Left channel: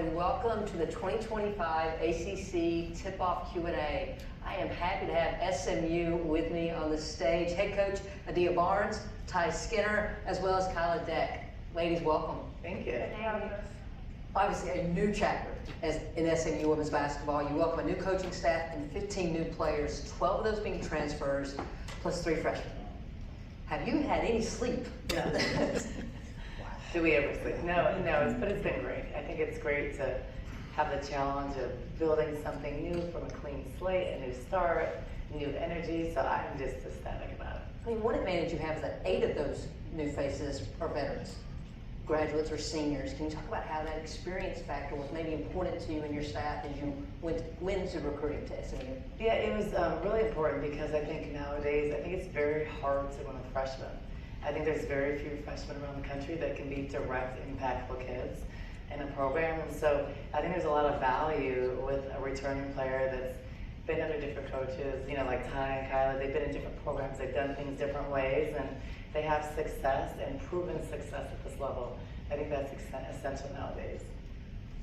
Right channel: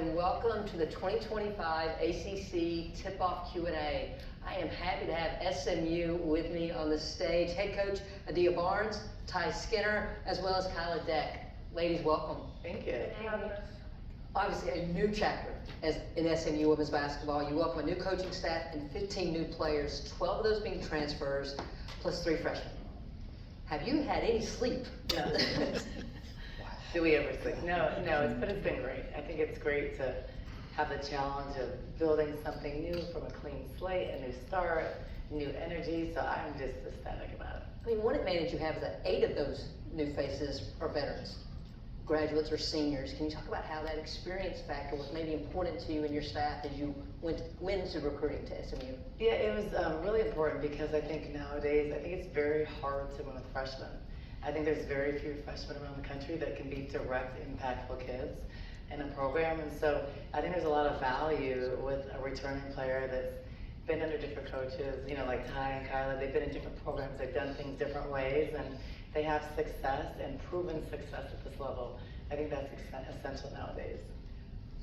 and welcome to the 2025 ACC Tip-Off Q&A. I am happy to have SMU with me on the stage. Head coach Adia Barnes, Ty Skinner, as well as Kyla Deck. Ladies, welcome. Thank you. Obviously, a new chapter in SMU women's basketball. You welcome a new coaching staff and 15 new players, 12 of those being transfers, plus 3 freshmen. Have you had any sleep? No. Do we ever sleep? No, but it's been great. I think it's great to have the challenge of building something new from a clean slate, a new start, new energy, so I'm just ecstatic about it. I mean, one advantage you have is that 8 of those new faces are veterans, graduates or seniors. Can you talk about how that experience factor was maybe important to you and your staff as you went into recruiting to SMU? Yeah, it was really important because I think nowadays, I think it's very hard to win a freshman. I think there's very few freshmen around the country that can be direct, impactful kids in a program. And so I think there's a lot of value with a returning player that's been under different coaches, you know, like Ty and Kyla. They've been in different programs, they've done things different ways, and they have success and proven success at this level. I think that's essential nowadays.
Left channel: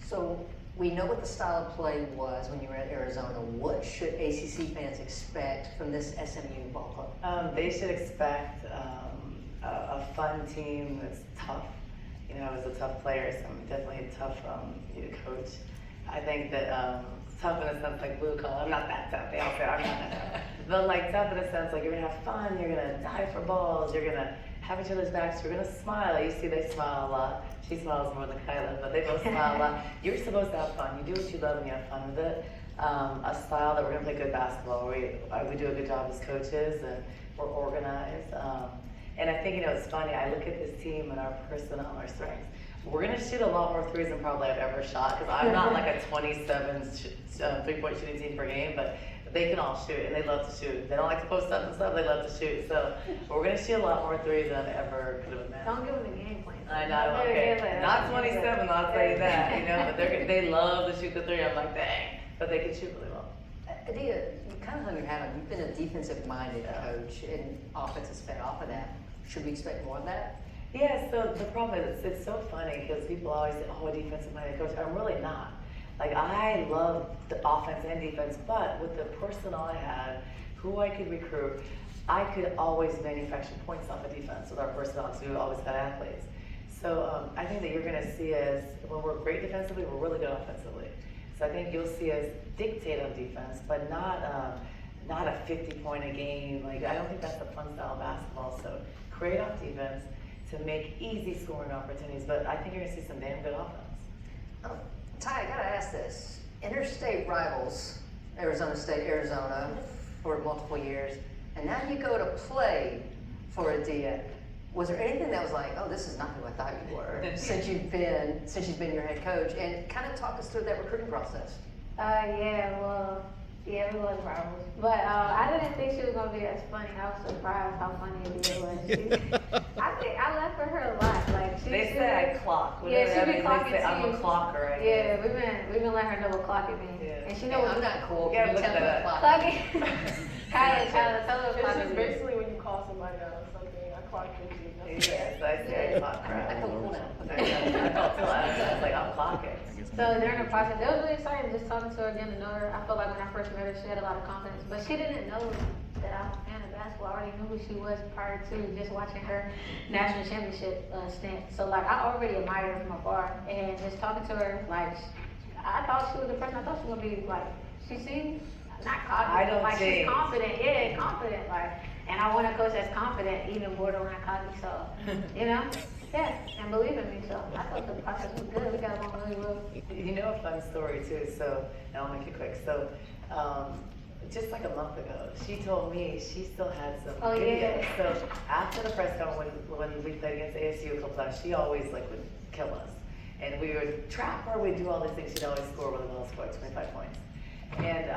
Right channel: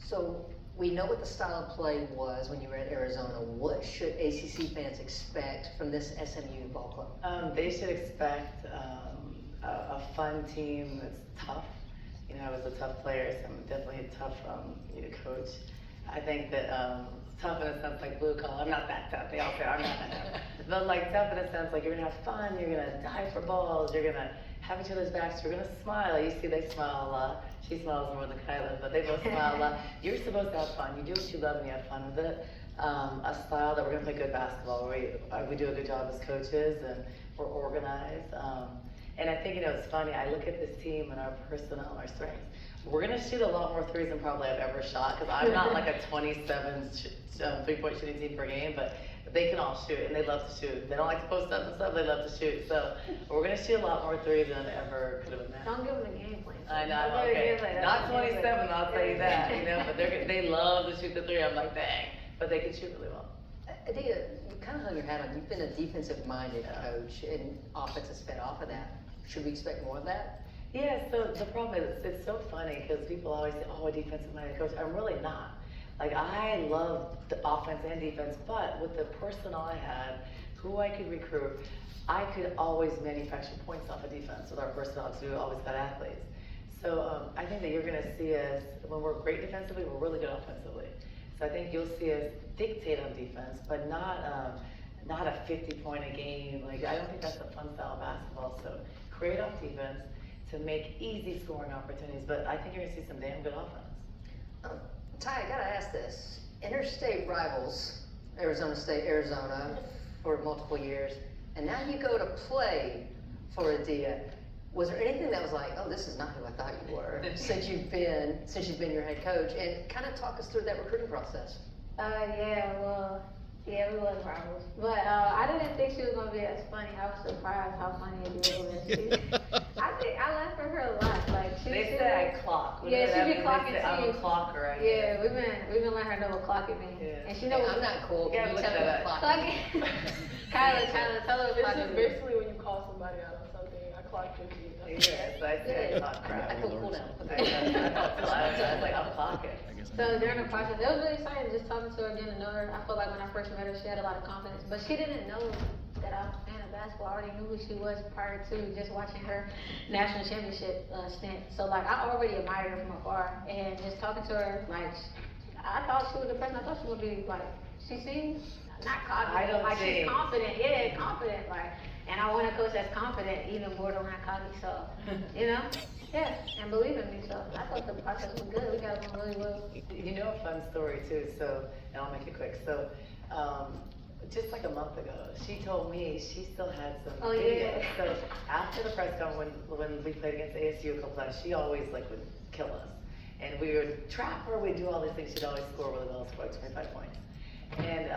So we know what the style of play was when you were at Arizona. What should ACC fans expect from this SMU ball club? They should expect a fun team that's tough. You know, I was a tough player, so I'm definitely a tough coach. I think that tough in a sense like blue collar. I'm not that tough. They all say I'm not that tough. But like tough in a sense like you're gonna have fun. You're gonna dive for balls. You're gonna have each other's backs. You're gonna smile. You see, they smile a lot. She smiles more than Kyla, but they both smile a lot. You're supposed to have fun. You do what you love and you have fun with it. A style that we're gonna play good basketball. We do a good job as coaches and we're organized. And I think, you know, it's funny, I look at this team and our personnel and our strengths. We're going to shoot a lot more threes than probably I've ever shot, because I'm not like a 27 3-point shooting team per game, but they can all shoot, and they love to shoot. They don't like to post up and stuff, they love to shoot. So we're going to shoot a lot more threes than I ever could have imagined. Don't give them a game plan. I know, okay. Not 27, I'll tell you that, you know, but they love to shoot the three. I'm like, dang, but they can shoot really well. Adia, you kind of hung your hat on. You've been a defensive-minded coach, and offense has fed off of that. Should we expect more of that? Yeah, so the problem is, it's so funny because people always say, oh, a defensive-minded coach. I'm really not. Like, I love the offense and defense, but with the personnel I had, who I could recruit, I could always manufacture points off of defense with our personnel, because we always had athletes. So I think that you're going to see us, when we're great defensively, we're really good offensively. So I think you'll see us dictate on defense, but not a 50-point a game. Like, I don't think that's the fun style of basketball. So create off defense to make easy scoring opportunities, but I think you're gonna see some damn good offense. Ty, I gotta ask this. Interstate rivals, Arizona State, Arizona, for multiple years, and now you go to play for Adia. Was there anything that was like, oh, this is not who I thought you were, since you've been your head coach? And kind of talk us through that recruiting process. Yeah, we was rivals. But I didn't think she was gonna be as funny. I was surprised how funny it was. I think I left for her a lot. Like they said I clock. Yeah, she be clocking too. I'm a clocker. I yeah, we've been letting her double clock at me. Yeah. And she knows I'm not cool. You gotta look that up. Clocking. Kyla, tell her what clock This is basically when you call somebody out on something. I clock with you. Yes, I say I clock. I feel cool now. I felt too loud. I was like, I'm clocking. So during the process, it was really exciting just talking to her, getting to know her. I feel like when I first met her, she had a lot of confidence, but she didn't know that I was a fan of basketball. I already knew who she was prior to just watching her national championship stint. So like I already admired her from afar, and just talking to her, like I thought she was the person. I thought she was gonna be like, she seems not confident. I don't like think. she's confident, yeah, confident. Like, and I want a coach that's confident, even more than when I caught me. So, you know. Yeah, and believe in me, so I thought the process was good. We got along really well. You know a fun story too, so, and I'll make it quick. So, just like a month ago, she told me she still had some videos. Yeah. So after the press conference, when we played against ASU a couple times, she always like would kill us. And we would trap her, we'd do all these things, she'd always score really well, score 25 points. And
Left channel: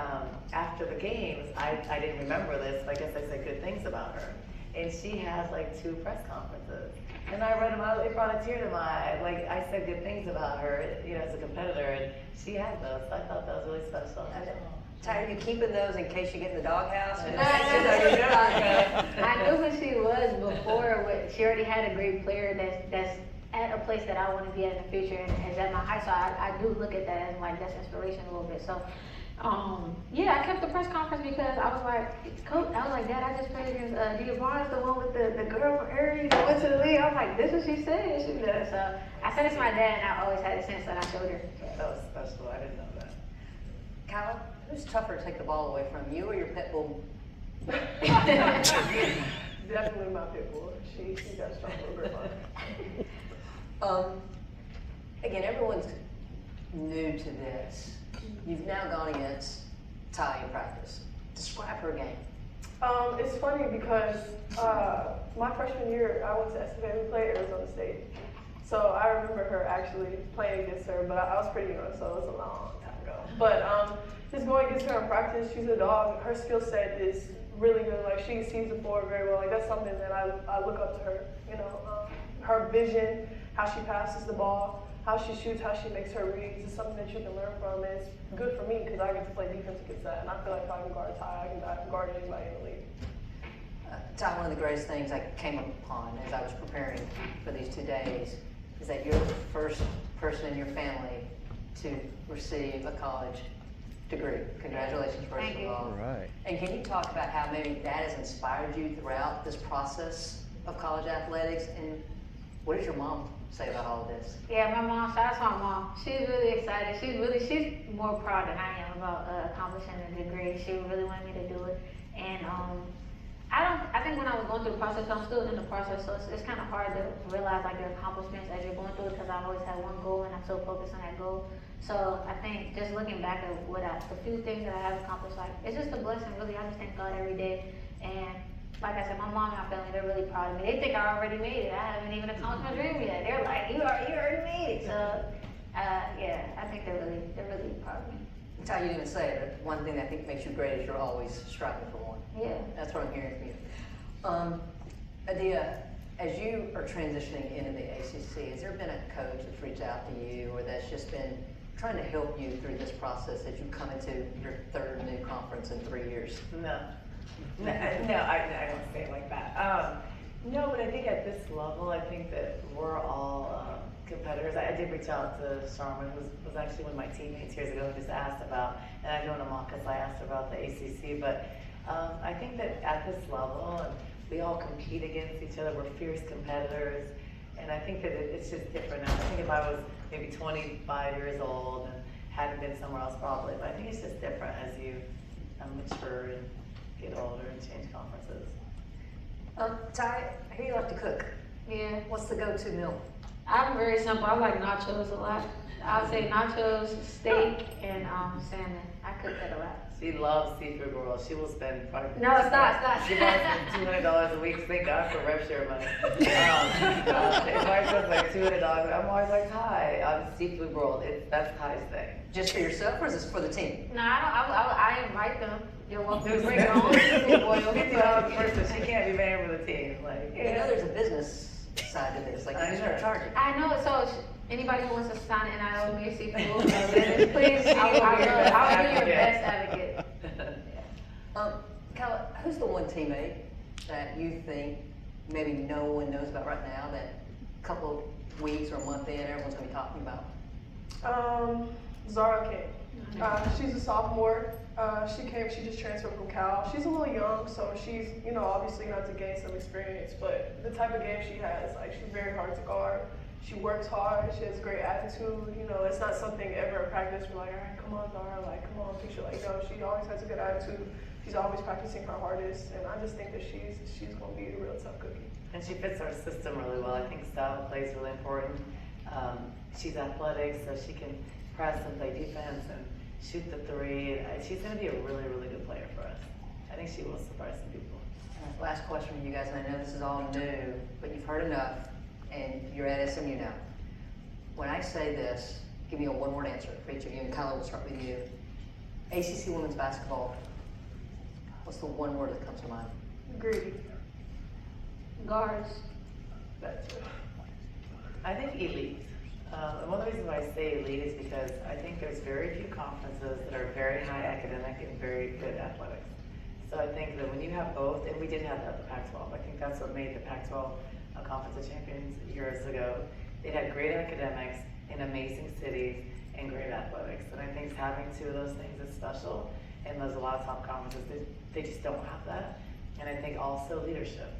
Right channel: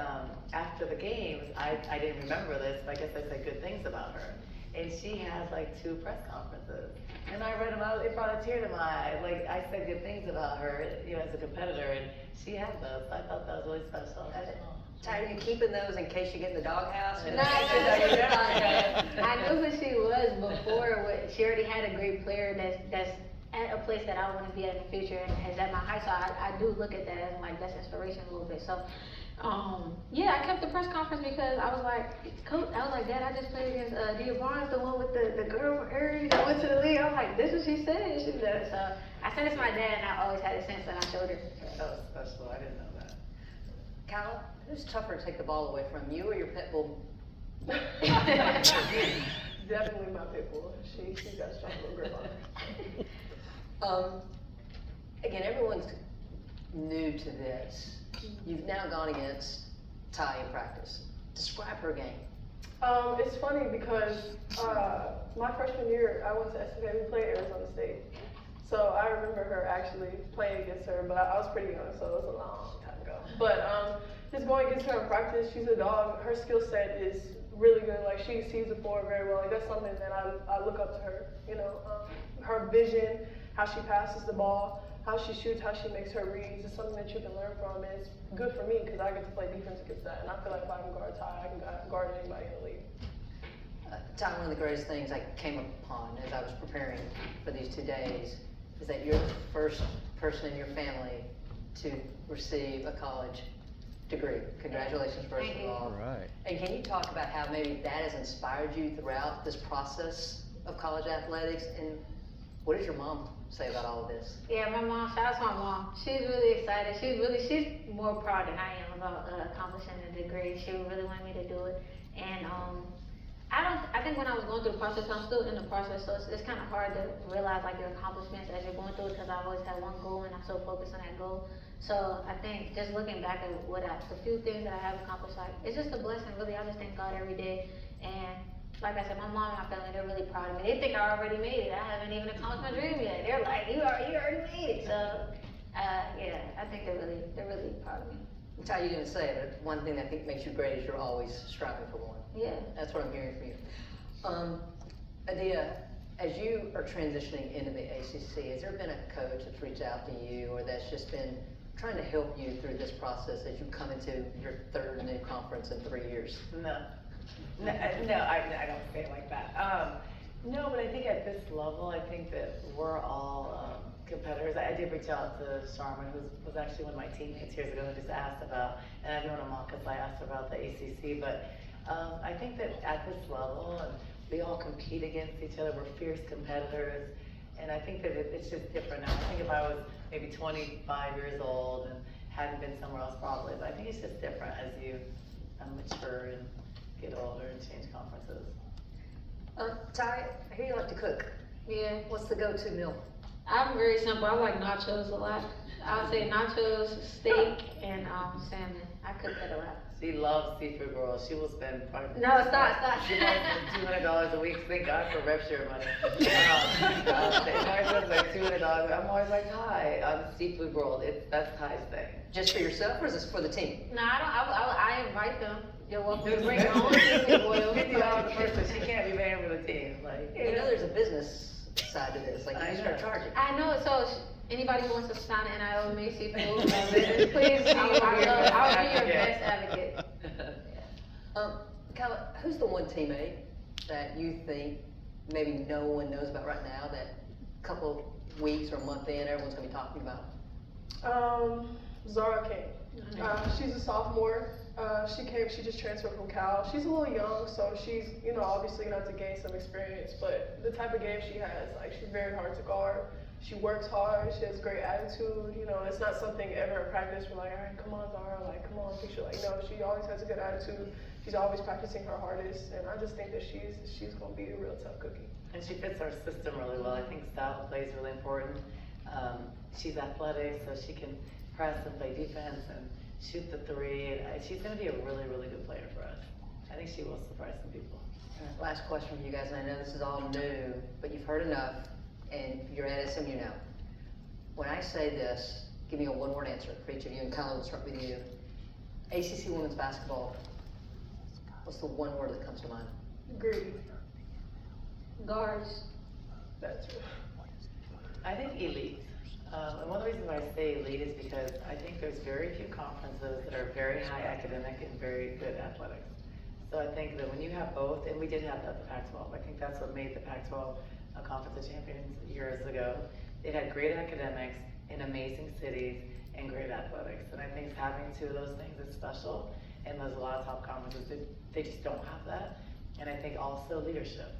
after the games, I didn't remember this, but I guess I said good things about her. And she has like 2 press conferences. And I read them out, it brought a tear to my eye. Like, I said good things about her, you know, as a competitor, and she had those. I thought that was really special. Ty, are you keeping those in case you get in the doghouse? No, I knew who she was before. She already had a great player that's at a place that I want to be at in the future, and is at my high. So I do look at that as like that's inspiration a little bit. So. Yeah, I kept the press conference because I was like, Dad, I just played against Dia Barnes, the one with the girl from Aries that went to the league. I was like, this is what she said. So I said it to my dad, and I always had it since, and I showed her. That was special. I didn't know that. Kyle, who's tougher to take the ball away from, you or your pit bull? Definitely my pit bull. She's got a strong little grip on. Again, everyone's new to this. You've now gone against Ty in practice. Describe her game. It's funny because my freshman year, I went to SMU. We played Arizona State. So I remember her actually playing against her, but I was pretty young, so it was a long time ago. But just going against her in practice, she's a dog. Her skill set is really good. Like, she sees the floor very well. Like, that's something that I look up to her. You know, her vision, how she passes the ball, how she shoots, how she makes her reads is something that you can learn from, and it's good for me because I get to play defense against that, and I feel like if I can guard Ty, I can guard anybody in the league. Ty, one of the greatest things I came upon as I was preparing for these 2 days is that you're the first person in your family to receive a college degree. Congratulations, first Thank of you. all. All right. And can you talk about how maybe that has inspired you throughout this process of college athletics, and what does your mom say about all of this? Yeah, my mom, shout out to my mom. She's really excited. She's more proud than I am about accomplishing the degree. She really wanted me to do it. And I think when I was going through the process, I'm still in the process, so it's kind of hard to realize like your accomplishments as you're going through it, because I always had one goal and I'm so focused on that goal. So I think just looking back at the few things that I have accomplished, like, it's just a blessing, really. I just thank God every day. And like I said, my mom and my family, they're really proud of me. They think I already made it. I haven't even accomplished my dream yet. They're like, you already made it. So, yeah, I think they're really proud of me. Ty, you didn't say it, but one thing that I think makes you great is you're always striving for more. Yeah. That's what I'm hearing from you. Adia, as you are transitioning into the ACC, has there been a coach that's reached out to you, or that's just been trying to help you through this process as you come into your third new conference in 3 years? No, I don't say it like that. No, but I think at this level, I think that we're all competitors. I did reach out to Sharma, who was actually one of my teammates years ago, who just asked about, and I know in Amaka, I asked about the ACC, but I think that at this level, we all compete against each other. We're fierce competitors, and I think that it's just different now. I think if I was maybe 25 years old and hadn't been somewhere else, probably, but I think it's just different as you mature and get older and change conferences. Ty, I hear you like to cook. Yeah. What's the go-to meal? I'm very simple. I like nachos a lot. I would say nachos, steak, and salmon. I cook that a lot. She loves seafood rolls. She will spend probably. No, stop. She wants $200 a week. Thank God for rev share money. If I said like $200, I'm always like, Ty, seafood roll. That's Ty's thing. Just for yourself, or is this for the team? No, I invite them. You're welcome to bring your own seafood oil. $50 per person. She can't be paying for the team. Like, You know, there's a business side to this, like you start charging. I know, so anybody who wants to sign an NIL May seafood business, please see, I'll be your best advocate. Kyle, who's the one teammate that you think maybe no one knows about right now that a couple of weeks or a month in, everyone's gonna be talking about? Zara King. She's a sophomore. She just transferred from Cal. She's a little young, so she's, obviously gonna have to gain some experience, but the type of game she has, like, she's very hard to guard. She works hard, she has great attitude, it's not something ever at practice we're like, all right, come on, Zara, like, come on, picture, like, she always has a good attitude. She's always practicing her hardest, and I just think that she's gonna be a real tough cookie. And she fits our system really well. I think style play is really important. She's athletic, so she can press and play defense and shoot the three. She's going to be a really, really good player for us. I think she will surprise some people. Last question for you guys, and I know this is all new, but you've heard enough, and you're at SMU now. When I say this, give me a one-word answer for each of you, and Kyle, we'll start with you. ACC women's basketball, what's the one word that comes to mind? Greedy. Guards. That's it. I think elite. And one of the reasons why I say elite is because I think there's very few conferences that are very high academic and very good athletics. So I think that when you have both, and we did have that at the Pac-12, I think that's what made the Pac-12 a conference of champions years ago, They had great academics in amazing cities and great athletics. And I think having two of those things is special. And there's a lot of top conferences that they just don't have that. And I think also leadership.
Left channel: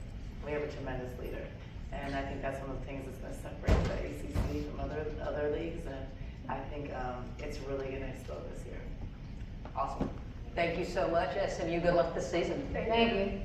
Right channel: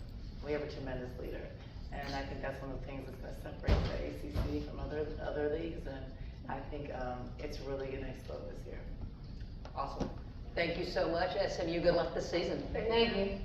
We have a tremendous leader. And I think that's one of the things that's going to separate the ACC from other leagues. And I think it's really going to explode this year. Awesome. Thank you so much, SMU. Good luck this season. Thank you.